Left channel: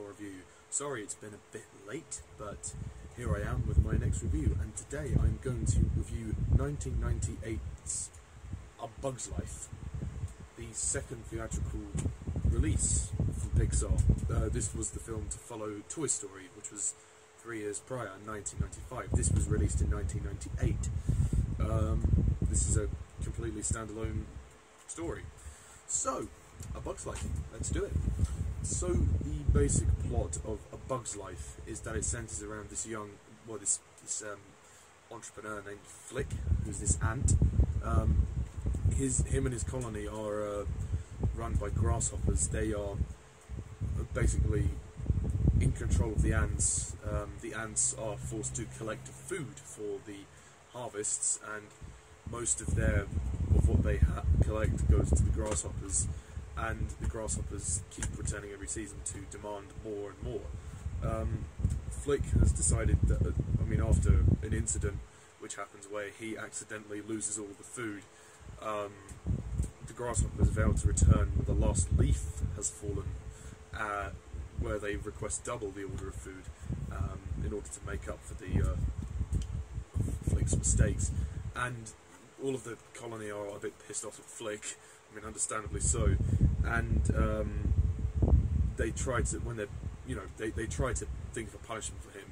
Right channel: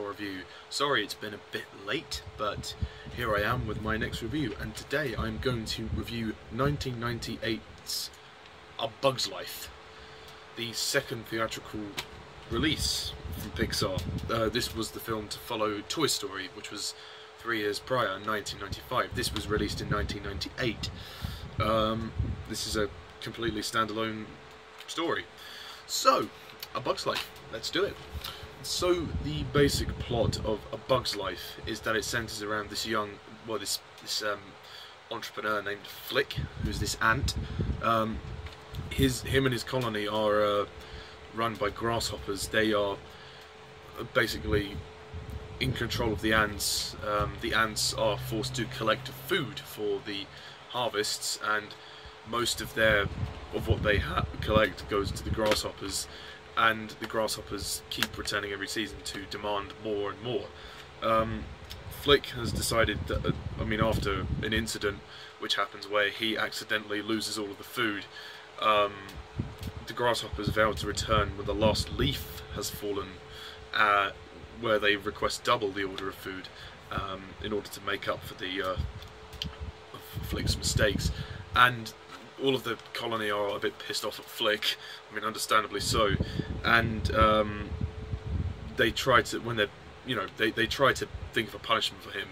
Pixar review. Sorry it's been a bit late, but here I am with my next review, and today I'm going to review 1998's A Bug's Life, the second theatrical release from Pixar. This was the film to follow Toy Story, which was 3 years prior, in 1995. This was released in 1998. This is a completely standalone story. So, A Bug's Life, let's do it. So, the basic plot of A Bug's Life is that it centres around this young, this entrepreneur named Flick, who's this ant. Him and his colony are run by grasshoppers. They are basically in control of the ants. The ants are forced to collect food for the harvests, and most of what they collect goes to the grasshoppers, and the grasshoppers keep returning every season to demand more and more. Flick has decided that, after an incident which happens where he accidentally loses all of the food, the grasshoppers vow to return when the last leaf has fallen, where they request double the order of food in order to make up for Flick's mistakes. And all of the colony are a bit pissed off at Flick, understandably so, and they try to, they try to think of a punishment for him,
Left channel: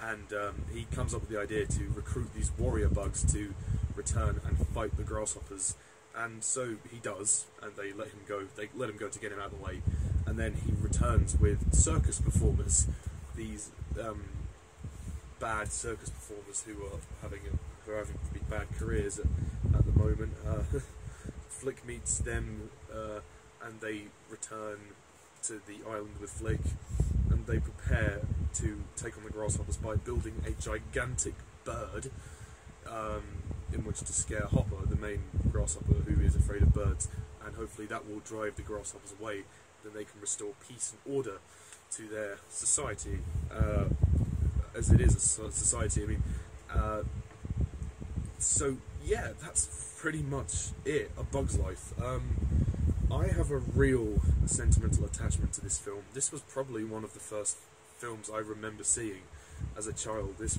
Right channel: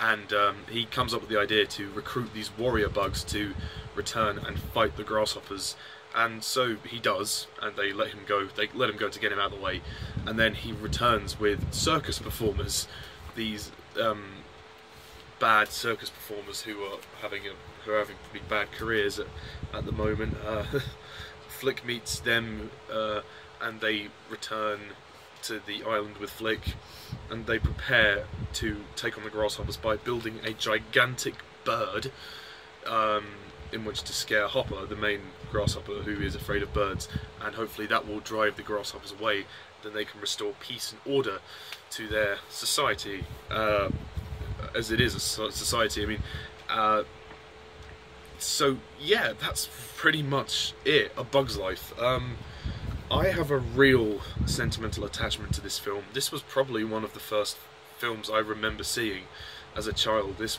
and he comes up with the idea to recruit these warrior bugs to return and fight the grasshoppers, and so he does, and they let him go to get him out of the way, and then he returns with circus performers, these bad circus performers who are having pretty bad careers at the moment. Flick meets them, and they return to the island with Flick, and they prepare to take on the grasshoppers by building a gigantic bird in which to scare Hopper, the main grasshopper who is afraid of birds, and hopefully that will drive the grasshoppers away. Then they can restore peace and order to their society, as it is a society. So yeah, that's pretty much it. A Bug's Life. I have a real sentimental attachment to this film. This was probably one of the first films I remember seeing as a child. This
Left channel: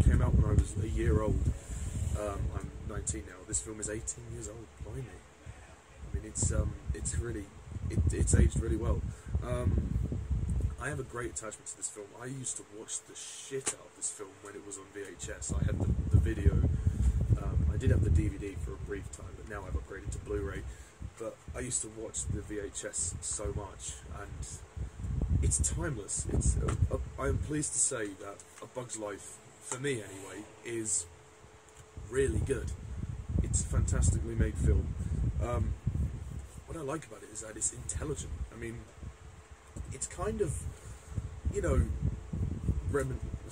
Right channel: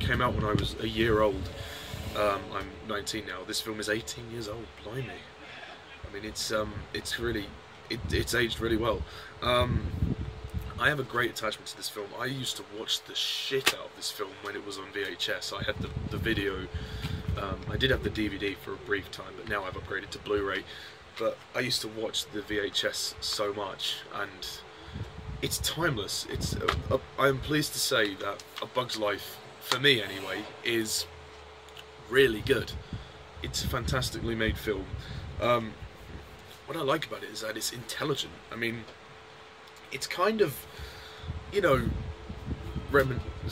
came out when I was a year old. I'm 19 now. This film is 18 years old. Blimey. It's aged really well. I have a great attachment to this film. I used to watch the shit out of this film when it was on VHS. I had the video. I did have the DVD for a brief time, but now I've upgraded to Blu-ray. But I used to watch the VHS so much, and it's timeless. I am pleased to say that A Bug's Life, for me anyway, is really good. It's a fantastically made film. What I like about it is that it's intelligent. It's kind of, it's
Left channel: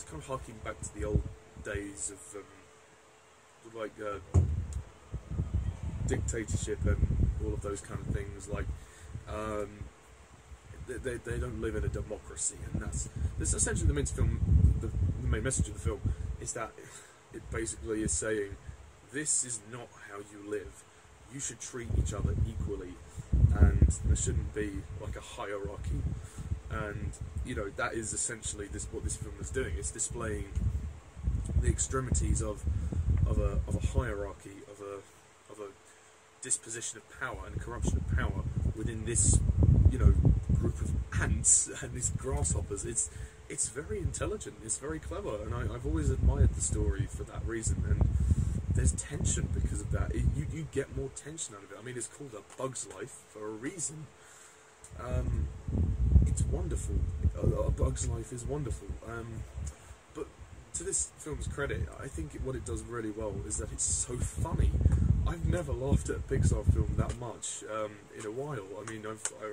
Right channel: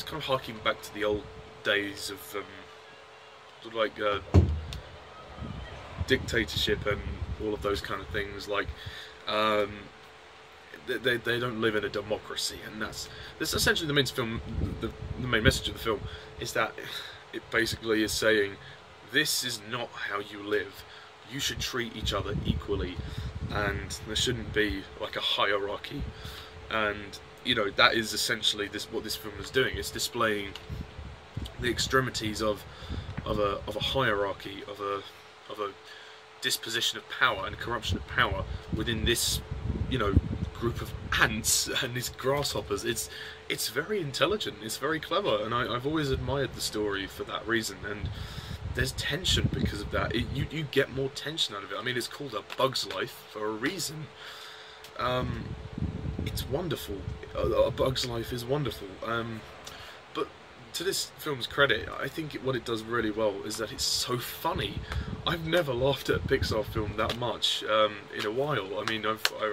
kind of harking back to the old days of dictatorship and all of those kind of things. They don't live in a democracy, and that's essentially the main message of the film, is that it basically is saying, this is not how you live. You should treat each other equally, and there shouldn't be like a hierarchy. And that is essentially what this film is doing. It's displaying the extremities of a hierarchy, of a disposition of power and corruption of power within this group of ants and these grasshoppers. It's very intelligent, it's very clever, and I've always admired the story for that reason. And there's tension because of that. You get more tension out of it. It's called A Bug's Life for a reason. It's wonderful. A Bug's Life is wonderful. But to this film's credit, I think what it does really well is that it's so funny. I've never laughed at a Pixar film that much in a while. I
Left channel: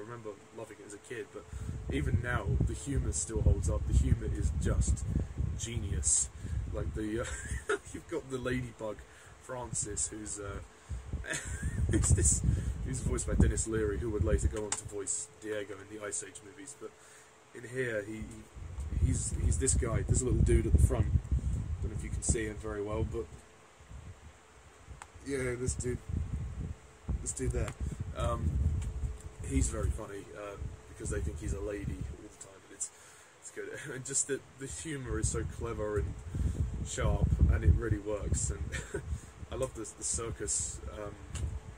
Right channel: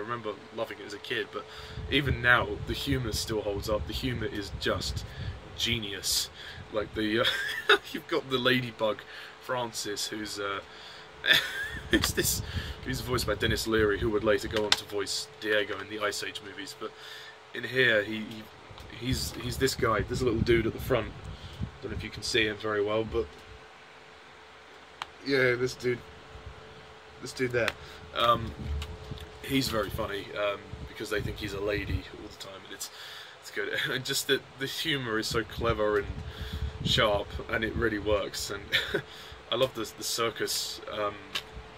remember loving it as a kid, but even now, the humour still holds up. The humour is just genius. You've got the ladybug Francis, who's voiced by Denis Leary, who would later go on to voice Diego in the Ice Age movies. But in here, he's this guy, this little dude at the front. Don't know if you can see him very well, but yeah, this dude there. He's very funny because they think he's a lady all the time, and good. And just the humour is so clever and sharp, and it really works. And I love the circus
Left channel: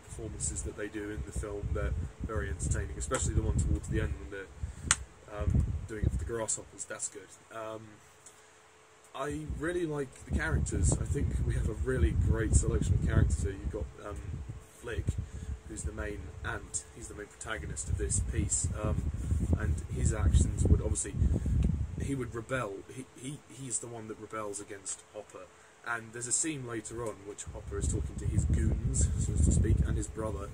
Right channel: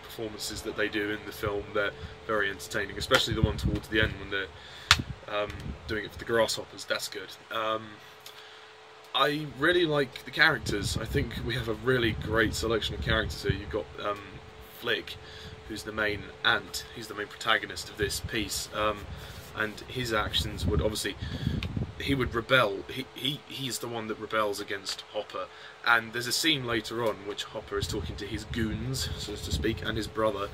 performances that they do in the film. They're very entertaining, especially the one towards the end when they're doing it for the grasshoppers. That's good. I really like the characters. I think we have a really great selection of characters here. You've got Flick, who's the main ant. He's the main protagonist of this piece, and his actions would obviously, he would rebel. He's the one that rebels against Hopper. And there's a scene later on in which Hopper is talking to his goons, so to speak, and his brother,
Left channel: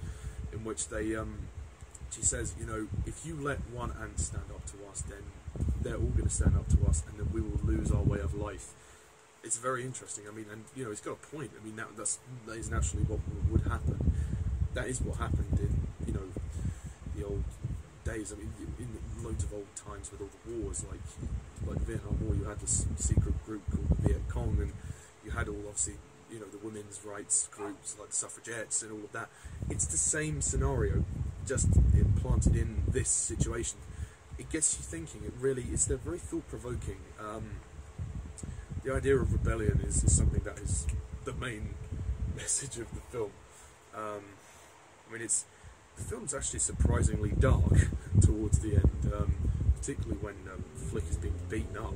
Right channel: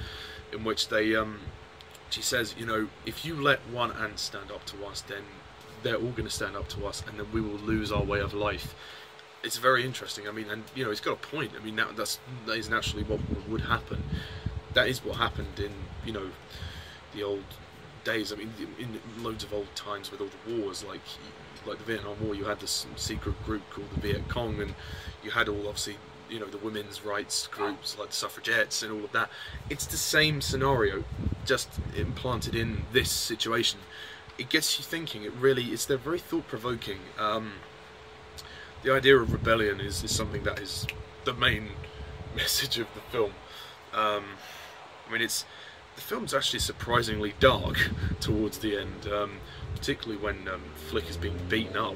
in which they she says, you know, if you let one ant stand up to us, then they're all going to stand up to us, and then we will lose our way of life. It's very interesting. I mean, and you know, he's got a point. I mean, that is naturally what would happen. That is what happened in, you know, the old days. I mean, in loads of old times with all the wars, like the Vietnam War, you had this secret group called the Viet Cong, and you had all, obviously, you know, the women's rights groups like the suffragettes and all of that. It's the same scenario, just implanted in this situation. It gets you thinking. They're very thought-provoking. The idea of rebellion is something that is the main message of the film. I mean, the film's actually surprisingly dark towards the end, particularly when Flick is being beaten up.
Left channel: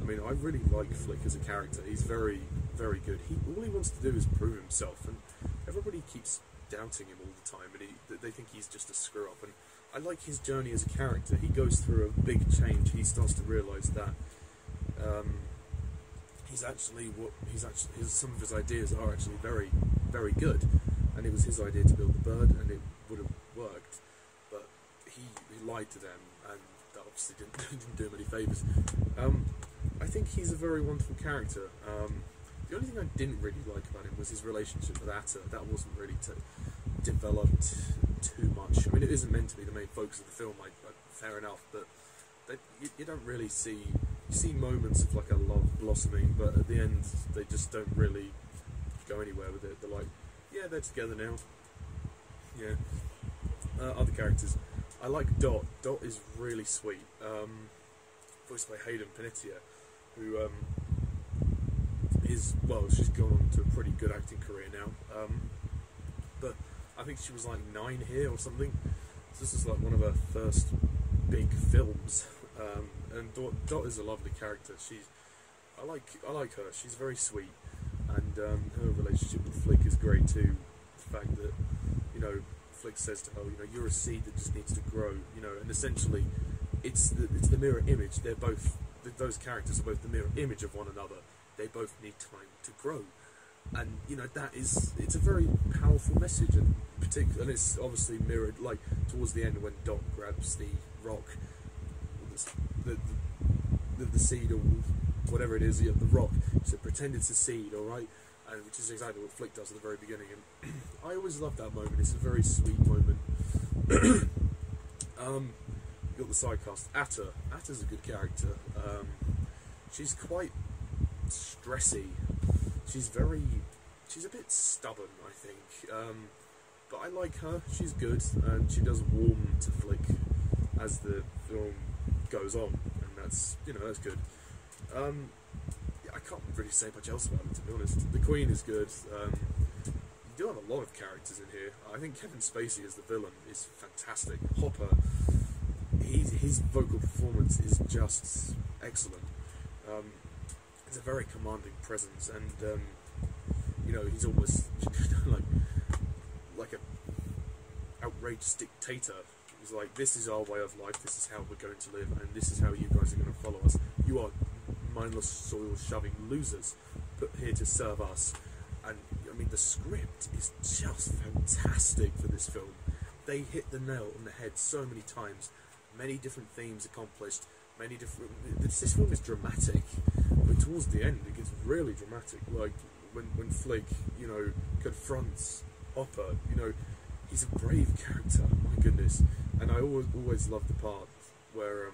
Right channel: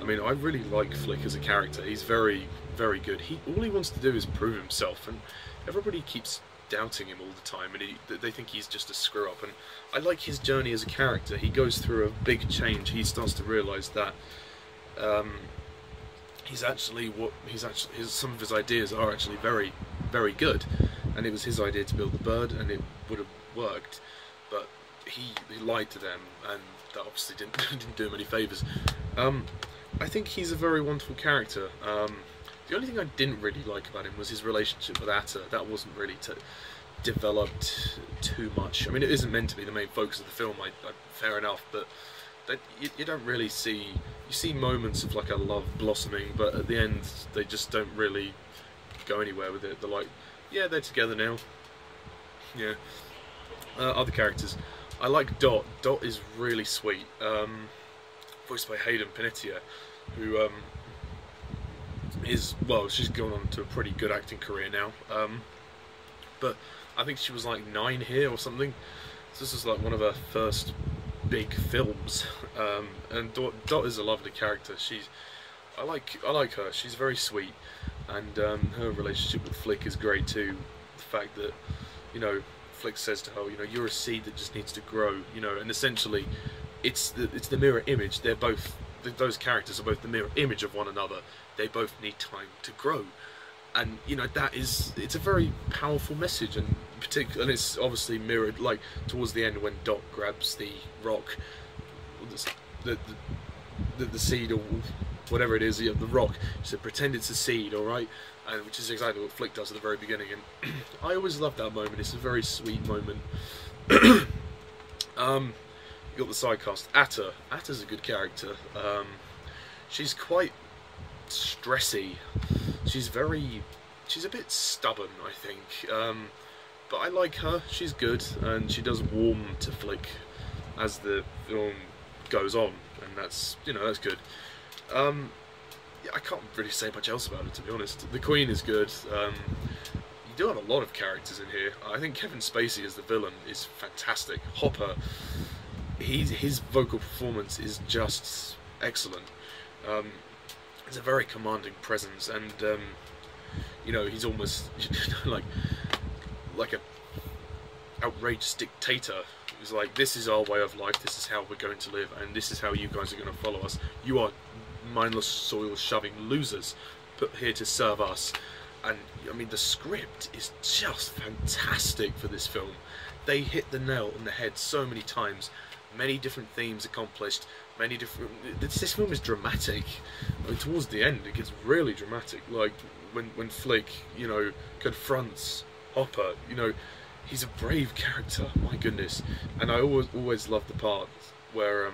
I mean, I really like Flick as a character. He's very, very good. All he wants to do is prove himself, and everybody keeps doubting him all the time, and they think he's just a screw-up. And I like his journey as a character. He goes through a big change. He starts to realise that some of his ideas are actually very, very good. And it was his idea to build the bird, and it would have worked, but he lied to them, and that obviously didn't do him any favours. I think he's a very wonderful character. The only thing I didn't really like about him was his relationship with Atta. That wasn't really developed too much. I mean, it isn't meant to be the main focus of the film, fair enough, but you don't really see... You see moments of like a love blossoming, but at the end they just don't really go anywhere with it. They're like, yeah, they're together now. Yeah. Other characters. I like Dot. Dot is really sweet. Voiced by Hayden, Panetierre, who she's gone on to a pretty good acting career now. But I think she was like 9 here or something. So this is like one of her first big films. And Dot is a lovely character. I like her. She's very sweet, and her relationship with Flick is great too. The fact that, you know, Flick says to her, you know, you're a seed that just needs to grow. You know, and essentially, it's the mirror image. Those characters are both the mirror image of one another. They both need time to grow, and you know it's a very powerful message, and it's obviously mirrored like towards the end when Dot grabs the rock, the seed or whatever it is, the rock. She said, pretend it's a seed, alright? Which is exactly what Flick does at the very beginning, and I always love that moment. It's a very sweet moment. You got the side cast. Atta's a good character. She's quite stressy. She's a bit stubborn, I think. But I like her. She's good, and she does warm to Flick as the film goes on, and that's good. Yeah, I can't really say much else about it, to be honest. The Queen is good. You do have a lot of characters in here. I think Kevin Spacey as the villain is fantastic. Hopper, his vocal performance is just excellent. He's a very commanding presence, and you know, he's almost like a outrageous dictator. He's like, this is our way of life, this is how we're going to live, and this is how you guys are going to follow us. You are mindless, soil-shoving losers, put here to serve us. And I mean, the script is just fantastic for this film. They hit the nail on the head so many times. Many different themes accomplished. Many different. This film is dramatic. I mean, towards the end, it gets really dramatic. Like when Flick, you know, confronts Hopper. You know, he's a brave character. My goodness. And I always love the part where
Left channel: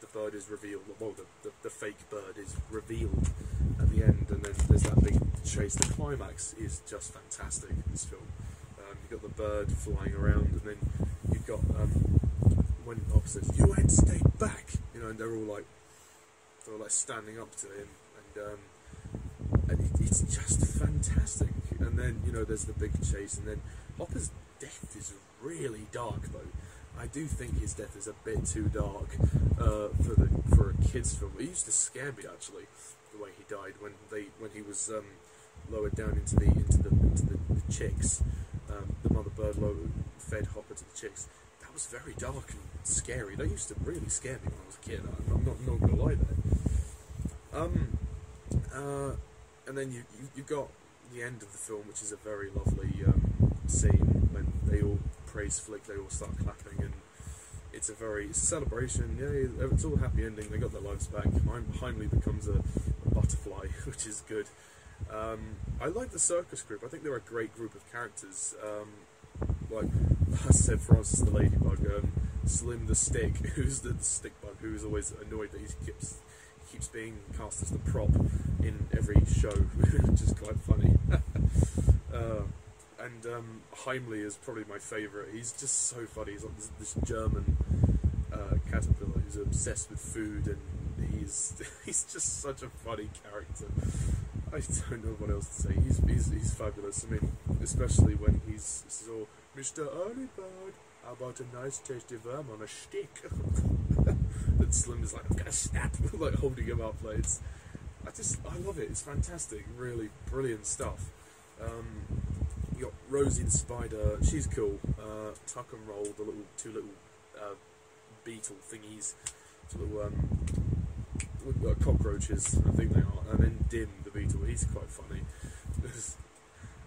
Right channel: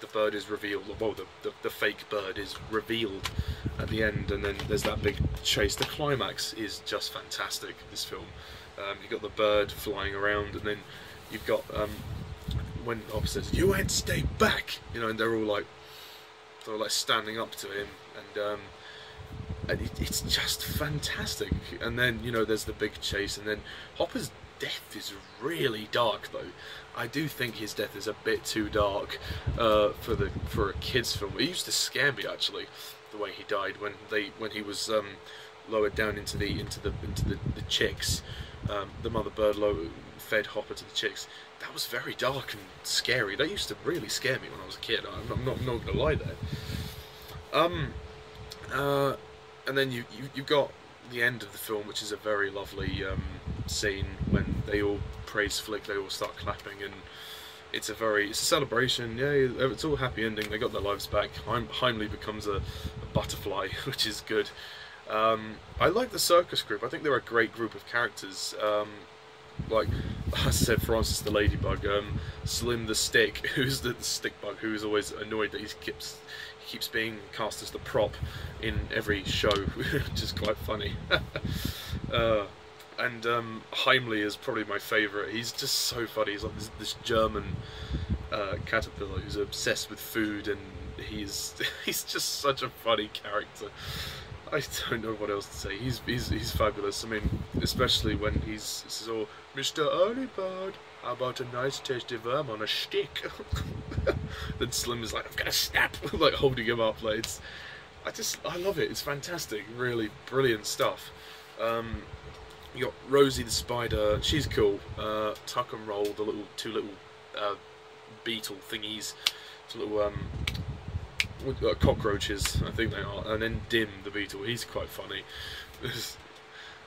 the bird is revealed. Well, the fake bird is revealed at the end, and then there's that big chase. The climax is just fantastic. This film. You've got the bird flying around, and then you've got when Hopper says, "You ain't stay back," you know, and they're all like, they're like standing up to him, and it's just fantastic. And then, you know, there's the big chase, and then Hopper's death is really dark though. I do think his death is a bit too dark for a kids film. It used to scare me actually, the way he died when he was lowered down into the chicks. The mother bird fed Hopper to the chicks. That was very dark and scary. That used to really scare me when I was a kid. I'm not gonna lie there. And then you got the end of the film, which is a very lovely scene when they all praise Flick. They all start clapping, and it's a celebration. Yeah, it's all a happy ending. They got their lives back. Heimlich becomes a butterfly, which is good. I like the circus group. I think they're a great group of characters. Like I said, Francis the Ladybug, Slim the Stick, who's the stick bug, who is always annoyed that he keeps being cast as the prop in every show, which is quite funny. And Heimlich is probably my favourite. He's just so funny. He's like this German caterpillar who's obsessed with food, and he's just such a funny character. I don't know what else to say. He's fabulous. I mean, especially when he's all, Mr. Earlybird, how about a nice tasty worm on a stick? Then Slim is like, I'm gonna snap, like holding him up. Like I love it. It's fantastic. Really brilliant stuff. You got Rosie the spider. She's cool. Tuck and Roll, the two little beetle thingies, little cockroaches, I think they are, and then Dim the beetle. He's quite funny.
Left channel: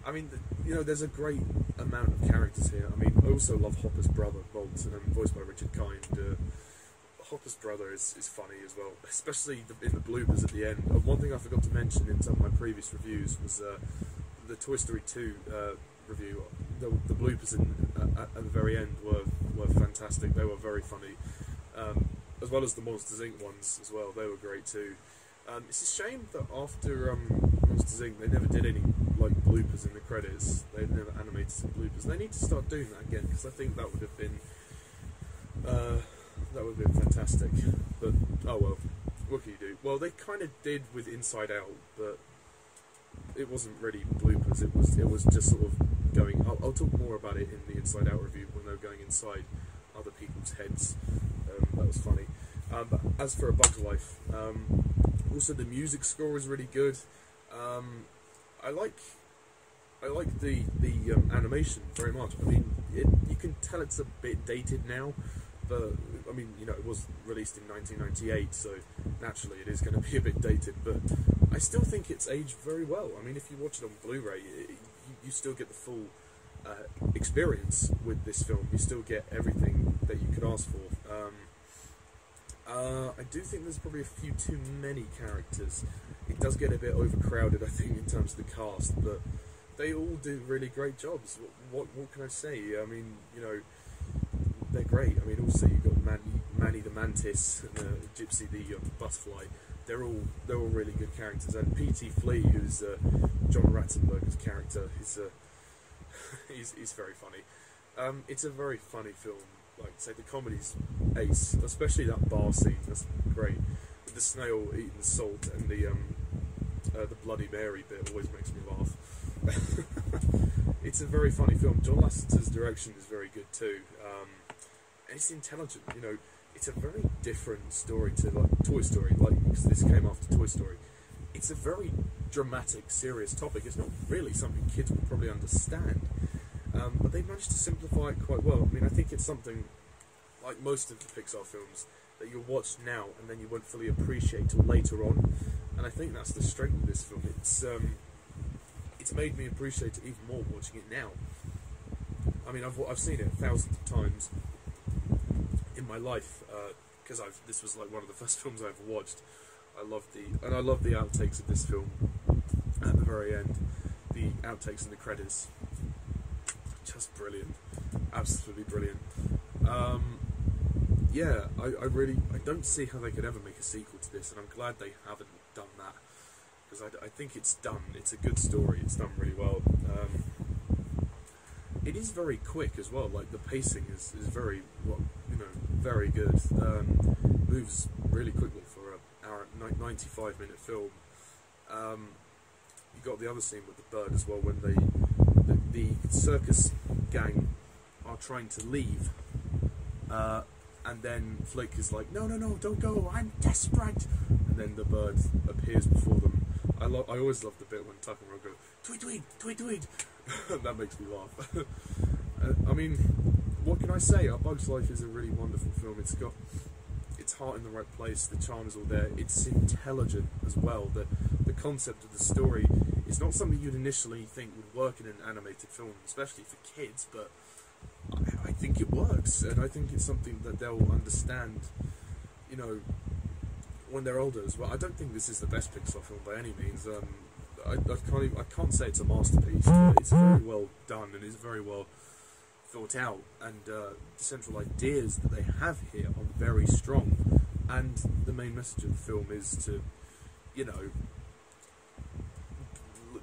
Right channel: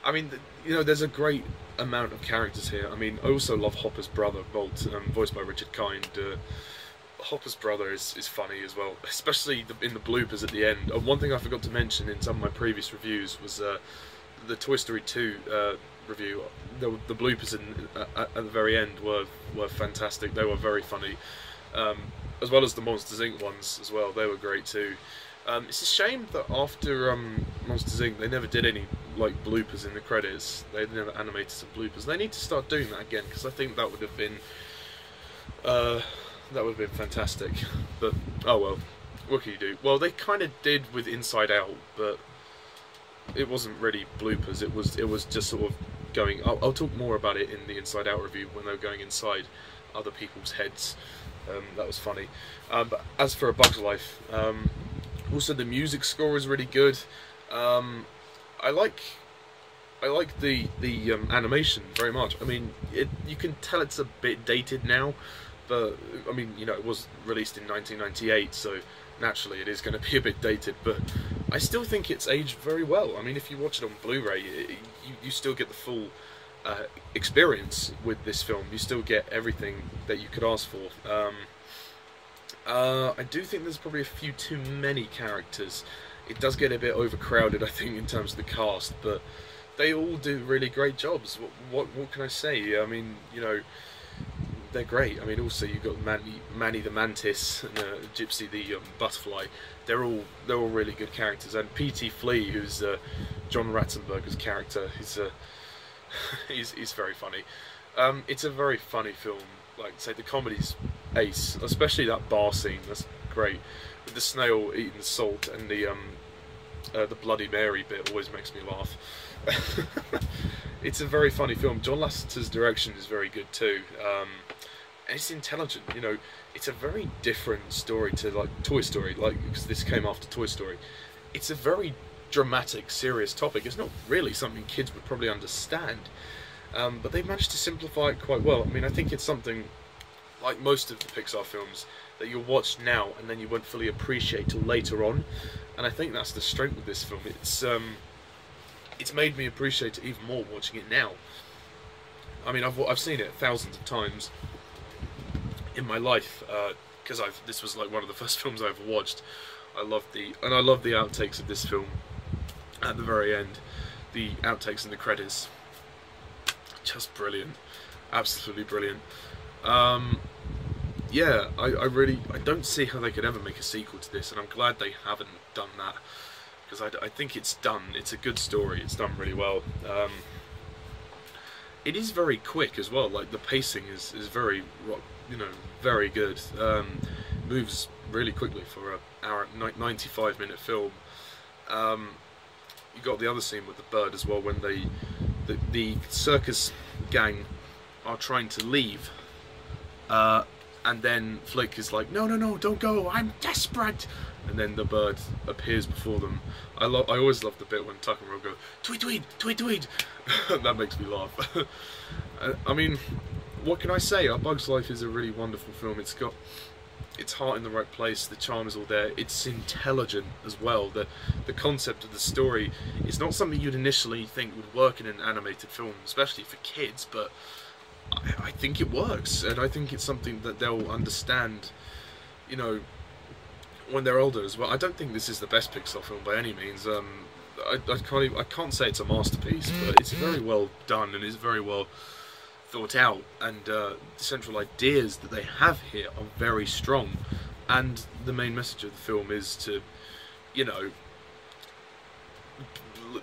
I mean, you know, there's a great amount of characters here. I mean, I also love Hopper's brother, Bolt, voiced by Richard Kind. Hopper's brother is funny as well, especially in the bloopers at the end. One thing I forgot to mention in some of my previous reviews was the Toy Story 2 review. The bloopers at the very end were fantastic. They were very funny, as well as the Monsters Inc. ones as well. They were great too. It's a shame that after Monsters Inc. they never did any like bloopers in the credits. They never animated some bloopers. They need to start doing that again, because I think that would have been fantastic. But oh well, what can you do? Well, they kind of did with Inside Out, but it wasn't really bloopers. It was just sort of going. I'll talk more about it in the Inside Out review when they were going inside other people's heads. That was funny. But as for A Bug's Life, also the music score is really good. I like the animation very much. I mean, you can tell it's a bit dated now, but I mean, you know, it was released in 1998, so naturally it is going to be a bit dated. But I still think it's aged very well. I mean, if you watch it on Blu-ray, you still get the full experience with this film. You still get everything that you could ask for. I do think there's probably a few too many characters. It does get a bit overcrowded, I think, in terms of the cast, but they all do really great jobs. What can I say? I mean, you know, they're great. I mean, also you've got Manny the Mantis, Gypsy the Butterfly. They're all really good characters. And P.T. Flea, who's John Ratzenberger's character, he's very funny. It's a very funny film. Like I say, the comedy's ace, especially that bar scene. That's great. With the snail eating salt and the Bloody Mary bit always makes me laugh. It's a very funny film. John Lasseter's direction is very good too. And it's intelligent. You know, it's a very different story to like Toy Story. Like, because this came after Toy Story. It's a very dramatic, serious topic. It's not really something kids would probably understand. But they managed to simplify it quite well. I mean, I think it's something like most of the Pixar films that you'll watch now and then you won't fully appreciate till later on. And I think that's the strength of this film. It's made me appreciate it even more watching it now. I mean, I've seen it thousands of times in my life, because this was like one of the first films I ever watched. I love the outtakes of this film at the very end. The outtakes and the credits, just brilliant, absolutely brilliant. Yeah, I don't see how they could ever make a sequel to this, and I'm glad they haven't done that, because I think it's done. It's a good story. It's done really well. It is very quick as well. Like the pacing is very, you know, very good. Moves really quickly for 95-minute film. You got the other scene with the bird as well, when the circus gang are trying to leave, and then Flick is like, no, don't go, I'm desperate, and then the bird appears before them. I always love the bit when Tuck and Rob go, tweet, tweet, tweet, tweet. That makes me laugh. I mean, what can I say? A Bug's Life is a really wonderful film. It's got its heart in the right place, the charm is all there, it's intelligent as well. The concept of the story is not something you'd initially think would work in an animated film, especially for kids, but I think it works, and I think it's something that they'll understand, you know, when they're older as well. I don't think this is the best Pixar film by any means. I can't say it's a masterpiece, but it's very well done and it's very well thought out, and the central ideas that they have here are very strong, and the main message of the film is to, you know,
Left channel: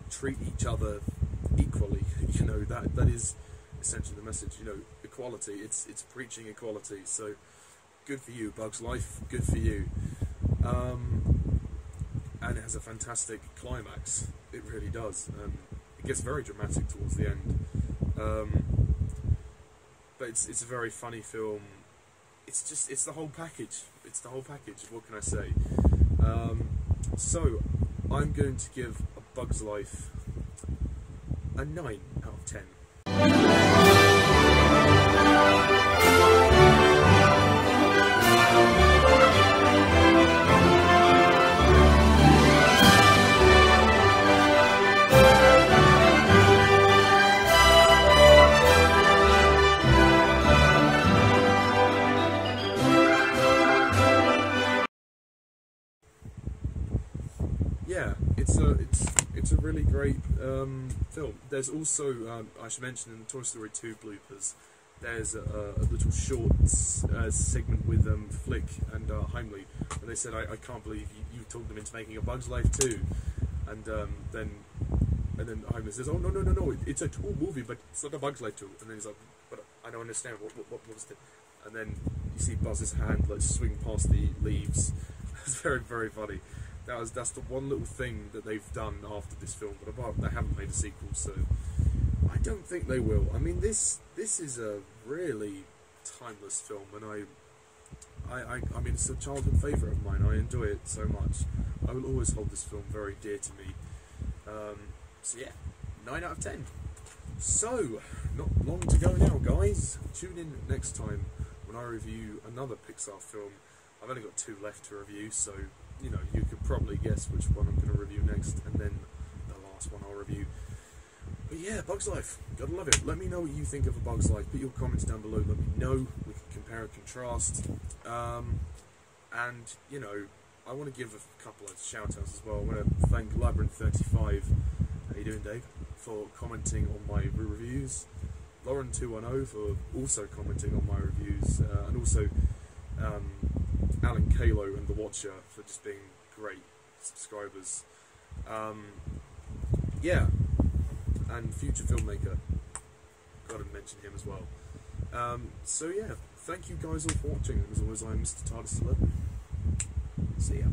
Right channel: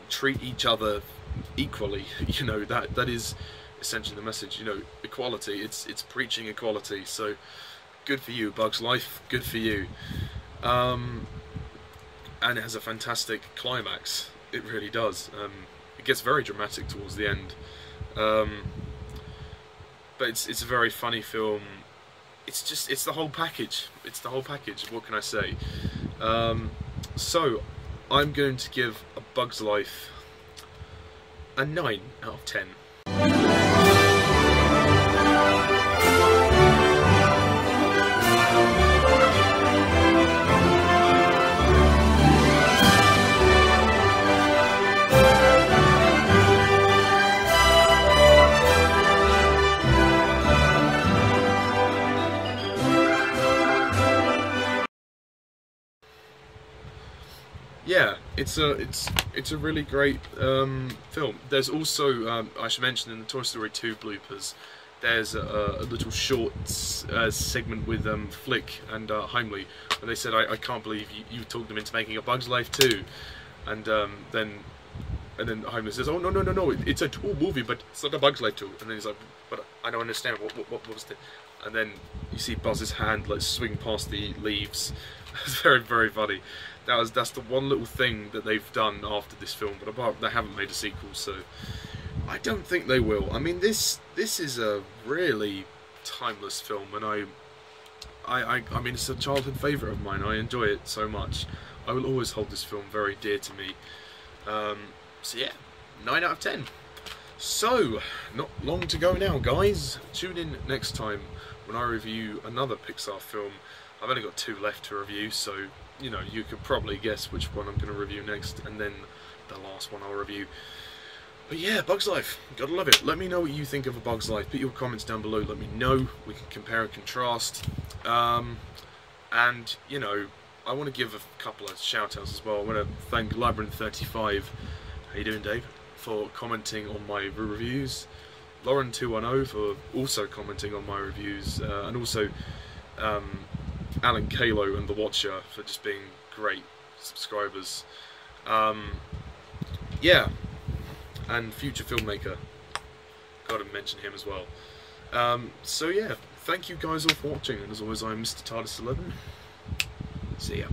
treat each other equally. You know, that is essentially the message. You know, equality. It's preaching equality. So good for you, Bug's Life. Good for you. And it has a fantastic climax. It really does. It gets very dramatic towards the end. But it's a very funny film. It's the whole package. It's the whole package. What can I say? So I'm going to give A Bug's Life a 9 out of 10. Yeah, it's a really great film. There's also, I should mention, in the Toy Story 2 bloopers, there's a little short segment with Flick and Heimlich, and they said, I can't believe you talked them into making A Bug's Life too. And then Heimlich says, oh no, it's a tool movie, but it's not A Bug's Life too. And then he's like, but I don't understand, what was it? And then you see Buzz's hand like swing past the leaves. It's very, very funny. That's the one little thing that they've done after this film, but apart, they haven't made a sequel, so I don't think they will. I mean, this is a really timeless film, and I mean, it's a childhood favourite of mine. I enjoy it so much. I will always hold this film very dear to me. So yeah, 9 out of 10. So, not long to go now, guys. Tune in next time when I review another Pixar film. I've only got 2 left to review, so you know, you could probably guess which one I'm going to review next, and then the last one I'll review. But yeah, Bug's Life, gotta love it. Let me know what you think of A Bug's Life. Put your comments down below, let me know. We can compare and contrast. And, you know, I want to give a couple of shout-outs as well. I want to thank Labyrinth35, how you doing, Dave, for commenting on my reviews. Lauren210 for also commenting on my reviews, and also Alan Kalo and The Watcher for just being great subscribers. Yeah, and Future Filmmaker, gotta mention him as well. So yeah, thank you guys all for watching, and as always, I'm Mr. TARDIS11. See ya.